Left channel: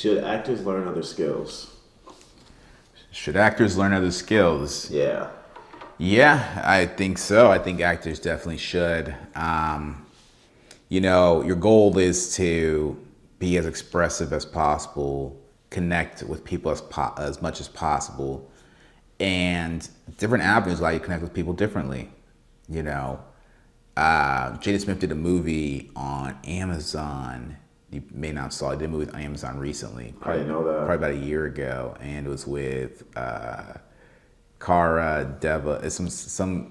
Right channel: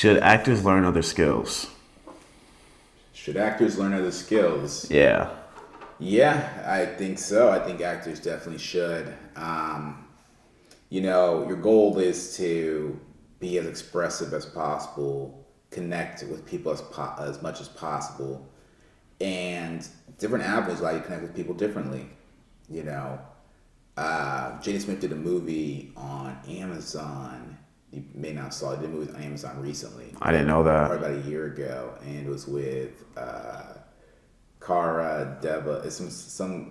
Should actors learn other skills? Should actors learn other skills? Yeah. Yeah, I think so. I think actors definitely should. Your goal is to be as expressive as possible, connect with people as much as possible, and different avenues allow you to connect with people differently. You know, Jada Smith did a movie on Amazon. You may not saw it. He did a movie on Amazon recently. I didn't know that. Probably about a year ago, and it was with Cara Deva. It's some.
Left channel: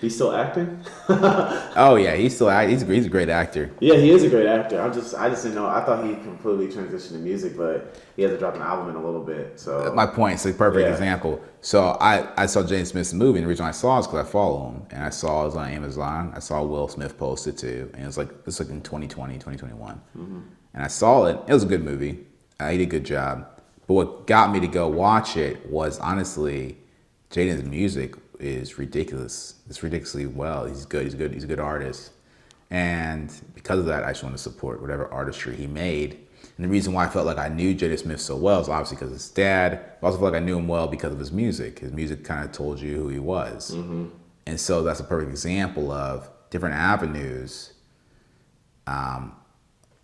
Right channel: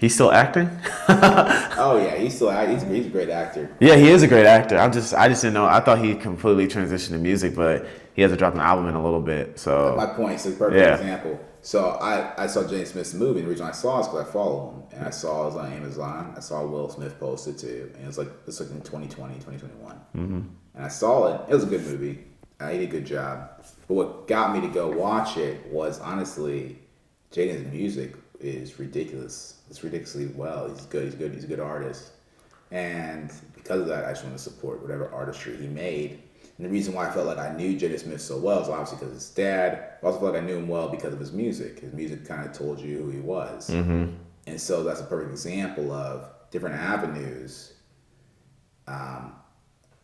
He's still acting? Oh yeah, he's a great actor. Yeah, he is a great actor. I just didn't know. I thought he completely transitioned to music, but he hasn't dropped an album in a little bit. So my point is a perfect example. So I saw Jaden Smith's movie, and the reason I saw it is because I follow him, and I saw it was on Amazon. I saw Will Smith post it too, and it's like in 2020, 2021. Mm-hmm. And I saw it. It was a good movie. He did a good job. But what got me to go watch it was honestly, Jaden's music is ridiculous. It's ridiculously well. He's good. He's a good artist. And because of that, I just want to support whatever artistry he made. And the reason why I felt like I knew Jada Smith so well is obviously because of his dad. I also felt like I knew him well because of his music. His music kind of told you who he was. Mm-hmm. And so that's a perfect example of different avenues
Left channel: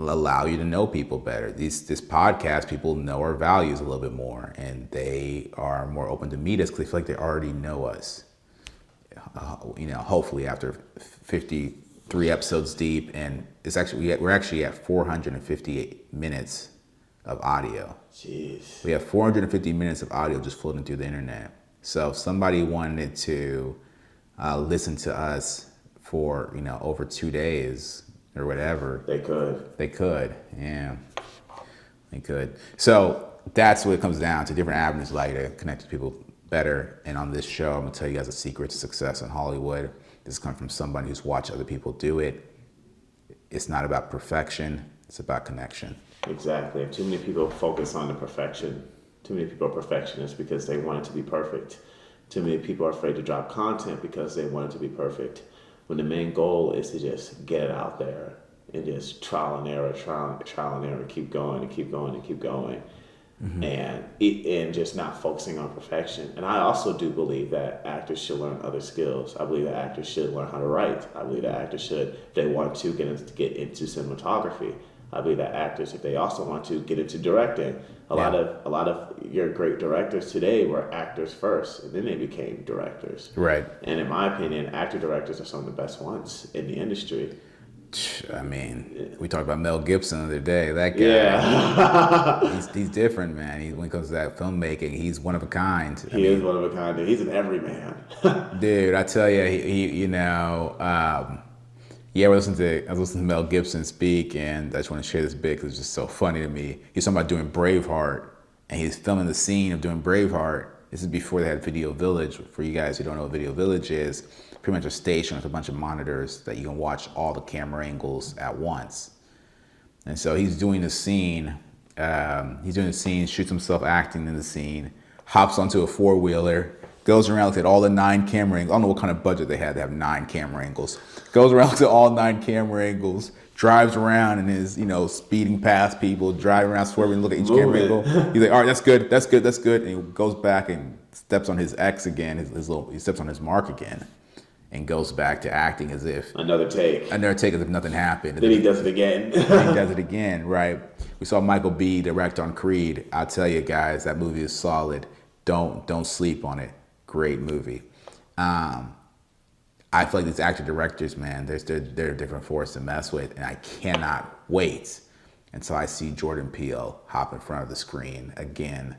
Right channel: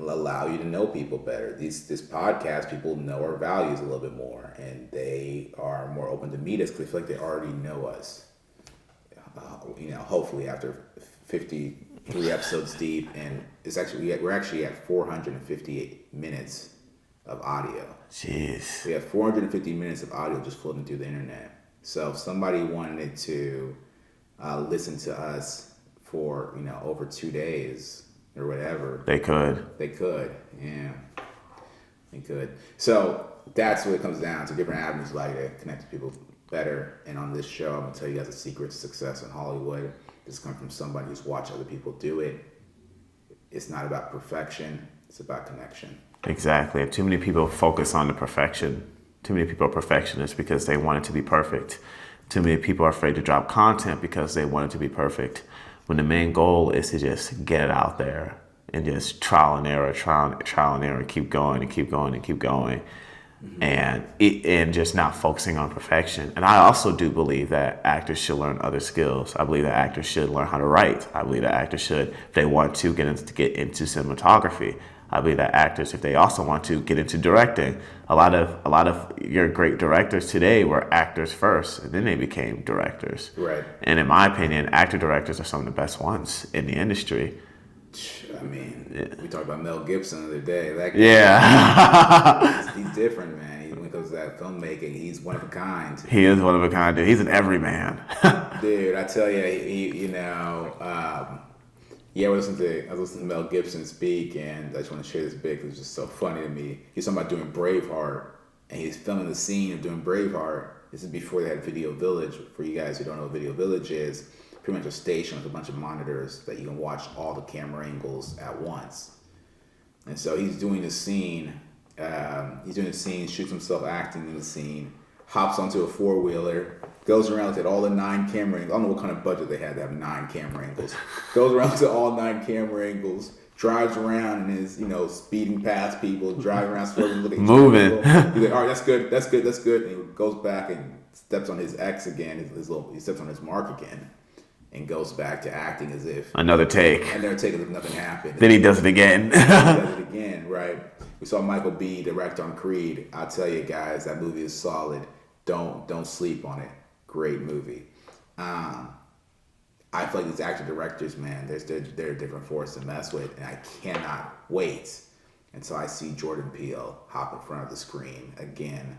allow you to know people better. This podcast, people know our values a little bit more, and they are more open to meet us because they feel like they already know us. Hopefully after 53 episodes deep, and we're actually at 458 minutes of audio. Jeez. We have 450 minutes of audio just floating through the internet. So if somebody wanted to listen to us for over 2 days or whatever, they could. Yeah, they could. So that's what it comes down to. Different avenues allow you to connect with people better. And on this show, I'm gonna tell you guys the secret to success in Hollywood. This comes from somebody who's watched other people do it. It's not about perfection, it's about connection. Exactly. Too many people focus on the perfection. Too many people are perfectionists because they want it to be perfect. Too many people are afraid to drop content because they want it to be perfect, when the main goal is to just get it out there and just trial and error, keep going and keep going and keep going. Mm-hmm. And just not focusing on perfection. And I also do believe that actors should learn other skills. I believe that actors should learn how to write. I believe that actors should, if they want to, get into cinematography. I believe that actors, if they also want to, get into directing. A lot of your great directors today were actors first, and then they became directors. Right. And in my opinion, actor directors are some of the best ones in the industry. I mean, we talked about Mel Gibson the other day. That guy, he's different, man. When it comes to that filmmaking, he's one of a kind. He is one of a kind, dude. He's an everyman. Dude, I tell you, I was listening to Mel Gibson speak, and I just want to share this bit because it's just so funny to me. He's talking about doing Braveheart, and he's filming the scene of doing Braveheart. This is before they had Video Village. For you guys who don't know what Video Village is, pretty much a station with a bunch of monitors that you can watch all the camera angles at once. And so he's doing the scene. Shoots himself acting in the scene, hops onto a four-wheeler, goes around, looks at all the 9 camera angles. I don't know what kind of budget they had to have 9 camera angles. Goes around to all 9 camera angles, drives around and is, speeding past people, driving around, swerving, look at each camera angle. He's like, all right, that's good. And he goes back and steps on his X again, he steps on his mark again, and goes back to acting as if another take as if nothing happened. Then he does it again. Right? We saw Michael B. direct on Creed. I'll tell you guys, that movie is solid. Don't sleep on it. Great movie. I feel like these actor directors, man, they're a different force to mess with, and I cannot wait until I see Jordan Peele hop in front of the screen again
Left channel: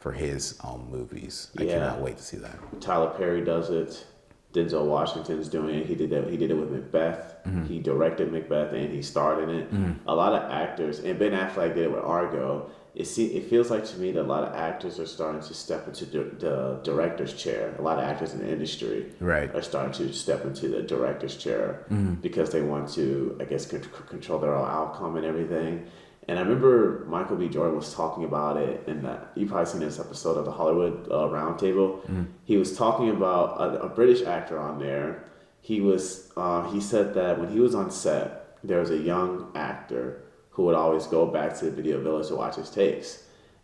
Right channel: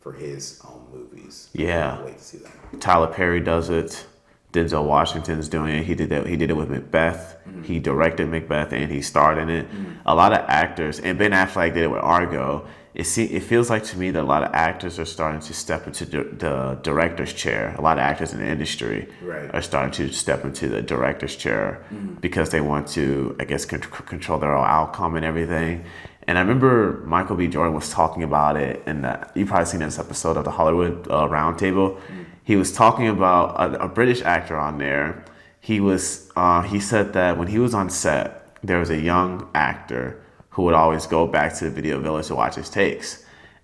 for his own movies. I cannot wait to see that. Tyler Perry does it. Denzel Washington's doing it. He did it with Macbeth. Mm-hmm. He directed Macbeth and he starred in it. Mm-hmm. A lot of actors, and Ben Affleck did it with Argo. It feels like to me that a lot of actors are starting to step into the director's chair. A lot of actors in the industry are starting to step into the director's chair because they want to, I guess, control their own outcome and everything. And I remember Michael B. Jordan was talking about it, and you've probably seen this episode of the Hollywood Roundtable. He was talking about a British actor on there. He said that when he was on set, there was a young actor who would always go back to the Video Village to watch his takes.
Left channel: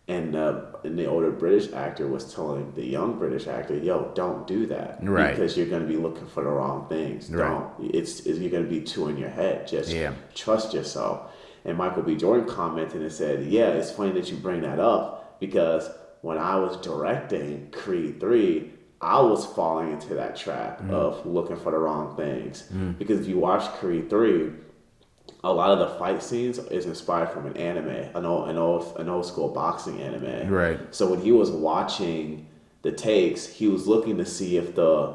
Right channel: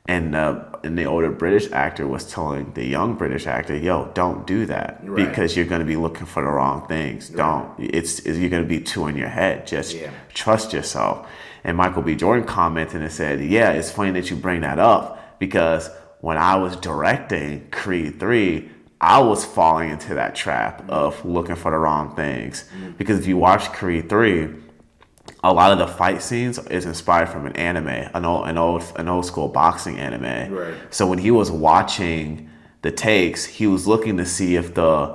And the older British actor was telling the young British actor, "Yo, don't do that because you're going to be looking for the wrong things. Don't. You're going to be too in your head. Just trust yourself." And Michael B. Jordan commented and said, "Yeah, it's funny that you bring that up because when I was directing Creed 3, I was falling into that trap of looking for the wrong things. Because if you watch Creed 3, a lot of the fight scenes is inspired from an anime, an old school boxing anime. Right. So when he was watching the takes, he was looking to see if the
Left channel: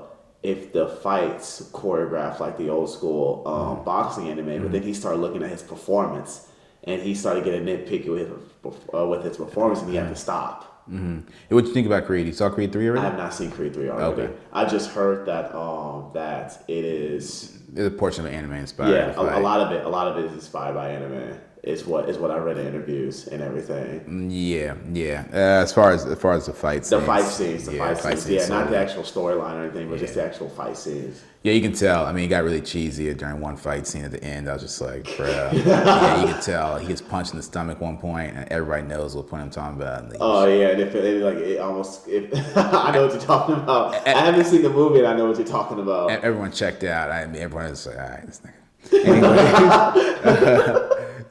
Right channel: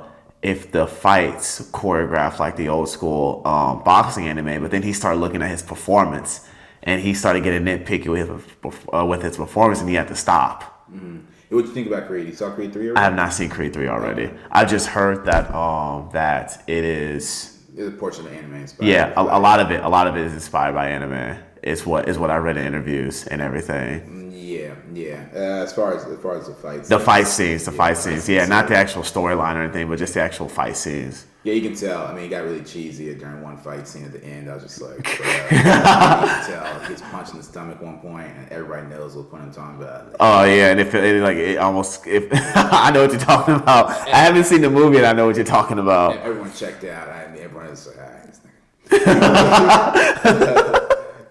fights choreographed like the old school boxing anime. But then he started looking at his performance, and he started getting nitpicky with his performance, and he had to stop. Mm-hmm. What do you think about Creed? You saw Creed 3 already? I have not seen Creed 3 already. Okay. I just heard that that it is. There's a portion of anime inspired. Yeah, a lot of it is inspired by anime. Is what I read in interviews and everything. Yeah. As far as the fight scenes. The fight scenes. Yeah, not the actual storyline or anything, but just the actual fight scenes. Yeah, you can tell. I mean, it got really cheesy during one fight scene at the end. I was just like, bruh. Yeah, you can tell. He gets punched in the stomach one point, and everybody knows what point I'm talking about. Like, oh yeah, and it almost. I know what you're talking about. I haven't seen the movie, and I know what you're talking about. Everyone checked out. I mean, everyone was like, all right, this nigga.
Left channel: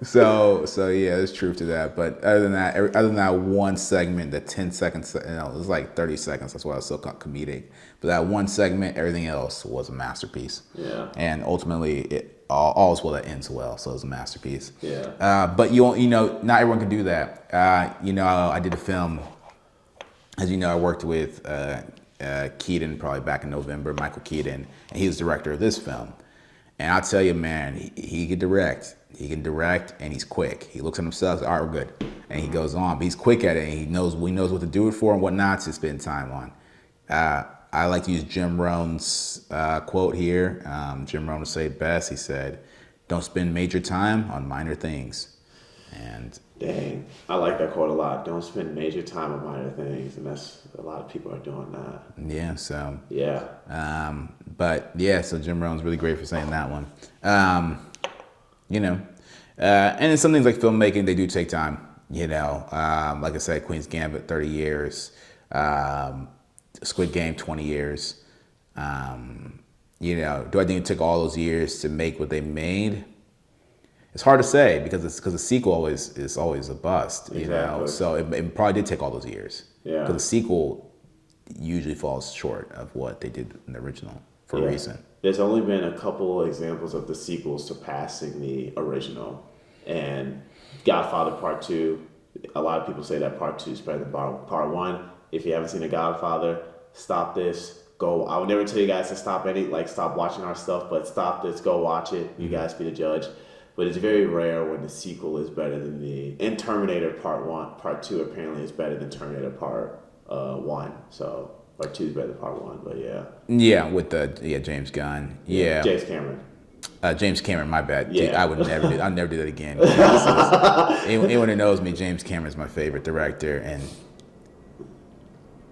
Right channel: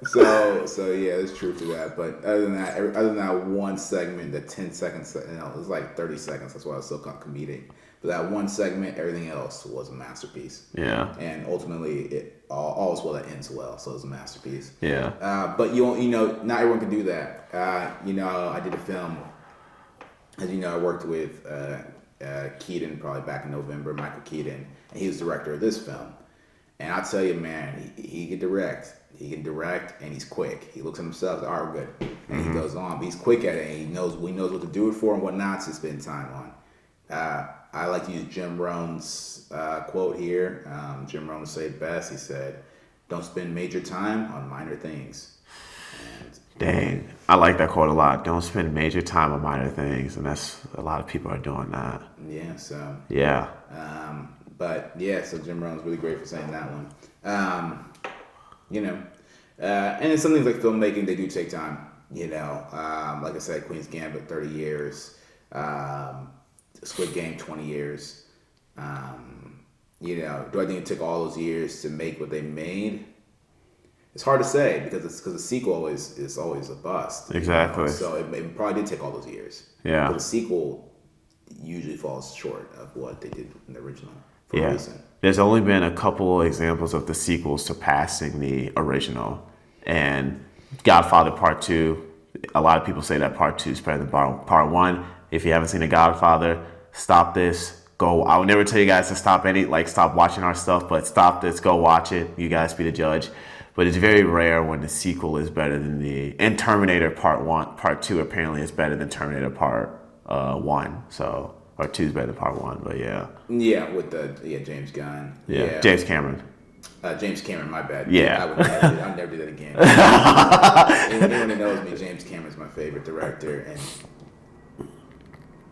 So yeah, there's truth to that. But other than that one segment, the 10 seconds, it was like 30 seconds. That's why it was so comedic. But that one segment, everything else was a masterpiece. Yeah. And ultimately, all's well that ends well. So it was a masterpiece. Yeah. But not everyone can do that. I did a film. As you know, I worked with Keaton probably back in November, Michael Keaton, and he was director of this film. And I'll tell you, man, he can direct. He can direct, and he's quick. He looks at himself, all right, we're good. And he goes on. But he's quick at it, and he knows what to do it for and what not to spend time on. I like to use Jim Rohn's quote here. Jim Rohn would say it best. He said, "Don't spend major time on minor things." And dang, I like that quote a lot. Don't spend major time on minor things, and that's a lot of people are doing that. Yeah. So yeah. But yeah, so Jim Rohn's really great for saying that one. And in some things like filmmaking, they do take time. Like I said, Queen's Gambit, 30 years. Squid Game, 20 years. Do I think it took all those years to make what they made? It's hard to say because the sequel is always a bust. Exactly. So it probably did take all those years. Yeah. But the sequel usually falls short of what they did in the original for a reason. There's only been a couple examples of the sequels surpassing the original. And Godfather Part 2, a lot of people say that Part 2 is better than Part 1. If you haven't seen The Godfather, stop this. Go. I would never tell you guys to stop watching our stuff, but stop this. Go watch it. You guys be the judge. But it's very rare when the sequel is better than and Terminator Part 2 apparently is better than Terminator Part 1. So Part 2 is better than Part 1, but yeah. Yeah, with James Gunn. Yeah. James Cameron. James Cameron, my bad. Yeah. I'd never do that again. Anyone who knows me, James Cameron's my favorite director, and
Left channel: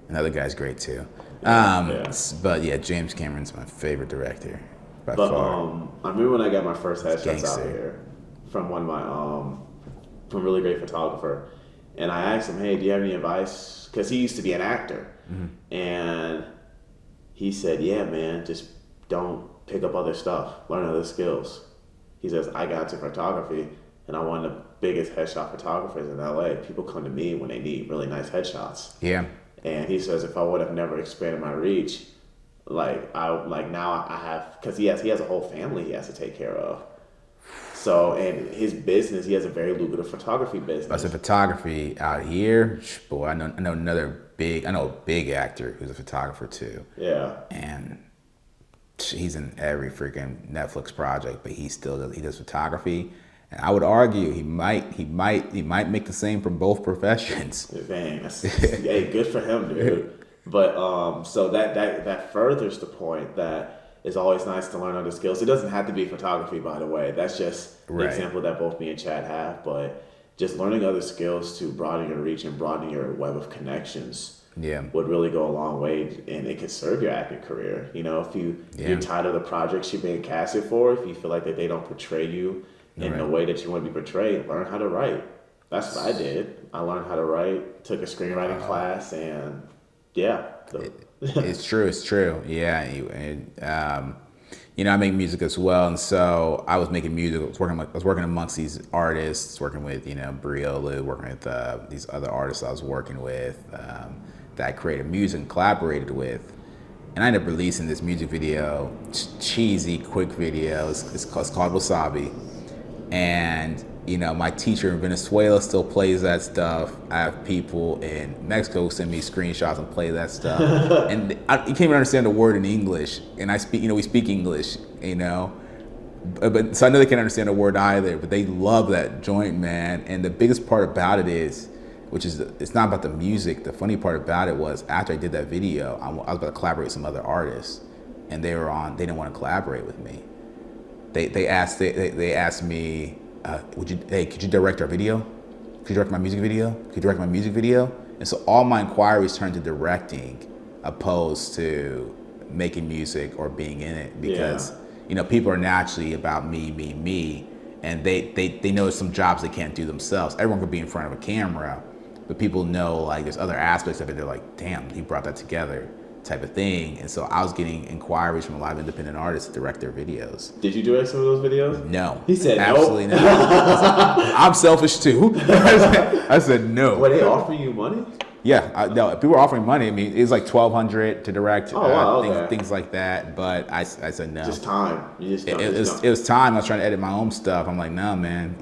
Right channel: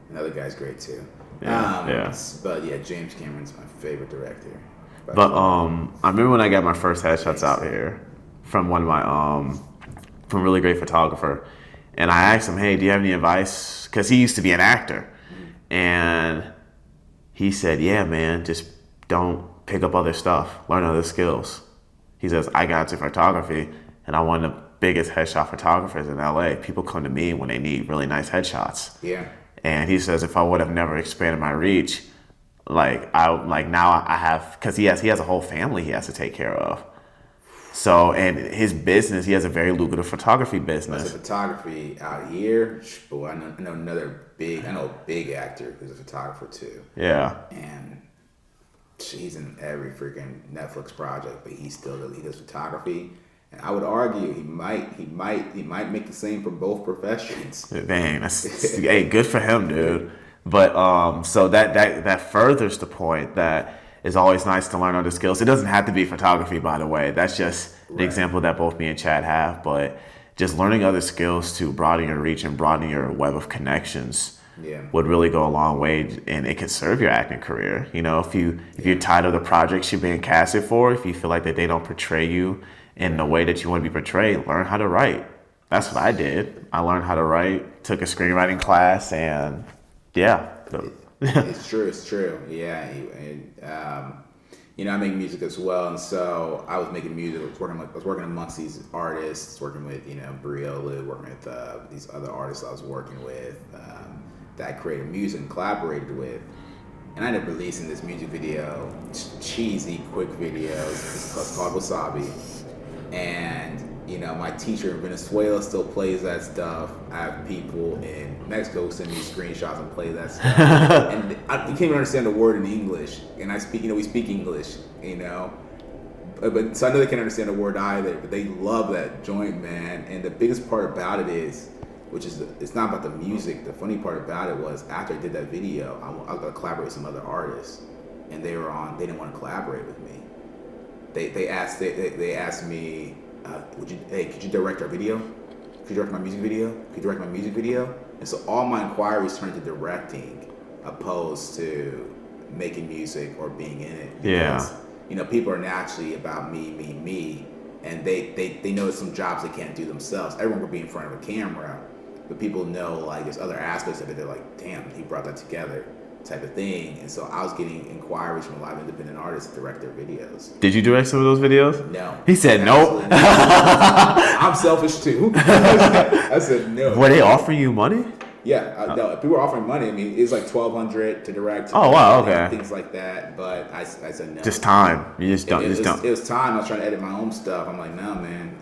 another guy's great too. But yeah, James Cameron's my favorite director. But I remember when I got my first headshots out here from one of my from a really great photographer, and I asked him, "Hey, do you have any advice?" Because he used to be an actor, and he said, "Yeah, man, just don't pick up other stuff, learn other skills." He says, "I got into photography, and I'm one of the biggest headshot photographers in LA. People come to me when they need really nice headshots." Yeah. And he says, if I would have never expanded my reach, now I have, because he has a whole family he has to take care of. So, and his business, he has a very lucrative photography business. As a photography out here, boy, I know a big actor who's a photographer too. Yeah. And he's in every freaking Netflix project, but he does photography. And I would argue he might make the same from both professions. Dang, hey, good for him, dude. But so that furthers the point that it's always nice to learn other skills. It doesn't have to be photography, by the way. That's just the example that both me and Chad have. But just learning other skills to broaden your reach and broaden your web of connections would really go a long way, and it could serve your acting career. If you're tired of the projects you're being casted for, if you feel like that they don't portray you in the way that you want to be portrayed, learn how to write. That's what I did. I learned how to write, took a screenwriting class, and yeah. It's true. It's true. Yeah. I make music as well, and so I was making music. I was working amongst these artists, working with Briolu, working with these other artists I was working with that I created music and collaborated with, and I ended up releasing this music video, cheesy, quick videos. It's called Wasabi, and my teacher in Venezuela still plays that stuff. I have people in Mexico send me screenshots and play that stuff. And you can't even understand the word in English. And I speak, we speak English, But so I know they can't understand the word either, but they love that joint, man. And the biggest part about it is, it's not about the music. The funny part about it was after I did that video, I was about to collaborate with some other artists, and they didn't want to collaborate with me. They asked me, could you direct our video? Could you direct my music video? Could you direct my music video? And so all my inquiries turned to directing, opposed to making music or being in it, because people are naturally about me, and they know some jobs they can't do themselves. Everyone could be in front of a camera, but people know like there's other aspects of it. They're like, damn, he brought that together, type of thing. And so I was getting inquiries from a lot of independent artists to direct their videos. Did you direct some of those videos? No. He said no. I'm selfish too. I said no. Were they offering you money? Yeah, no, people were offering money. I mean, it's like $1,200 to direct. Oh wow, okay. Things like that, but I said no. Just time. You just don't. It was time. I was trying to edit my own stuff. I'm like, no, man.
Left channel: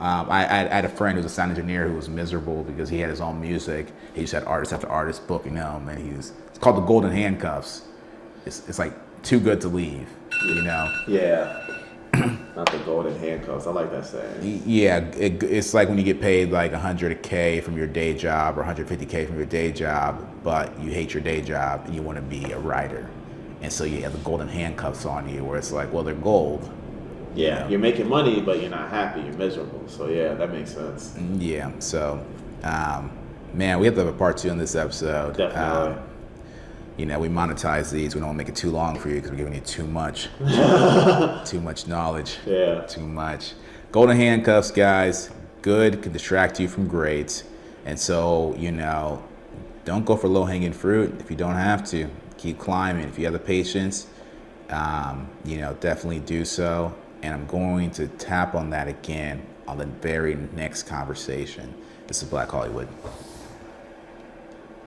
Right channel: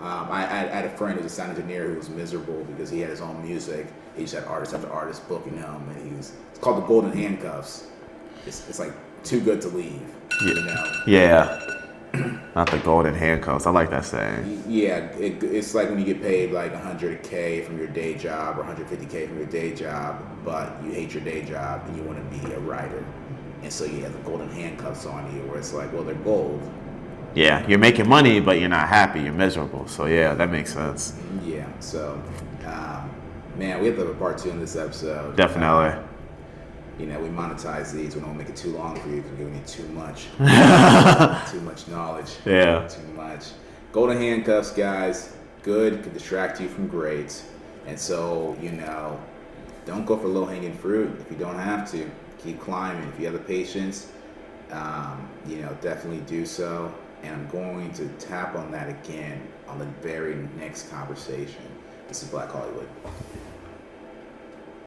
I had a friend who was a sound engineer who was miserable because he had his own music. He just had artist after artist booking him, and it's called the Golden Handcuffs. It's like too good to leave. Yeah. Not the golden handcuffs. I like that saying. Yeah, it's like when you get paid like $100K from your day job or $150K from your day job, but you hate your day job and you want to be a writer, and so you have the golden handcuffs on you, where it's like, well, they're gold. Yeah, you're making money, but you're not happy. You're miserable. So yeah, that makes sense. Yeah. So, man, we have to have a part 2 in this episode. Definitely. We monetize these. We don't make it too long for you because we're giving you too much. Too much knowledge. Yeah. Too much. Golden handcuffs, guys. Good. Could distract you from great. And so, don't go for low-hanging fruit if you don't have to. Keep climbing. If you have the patience, definitely do so. And I'm going to tap on that again on the very next conversation. This is Black Hollywood.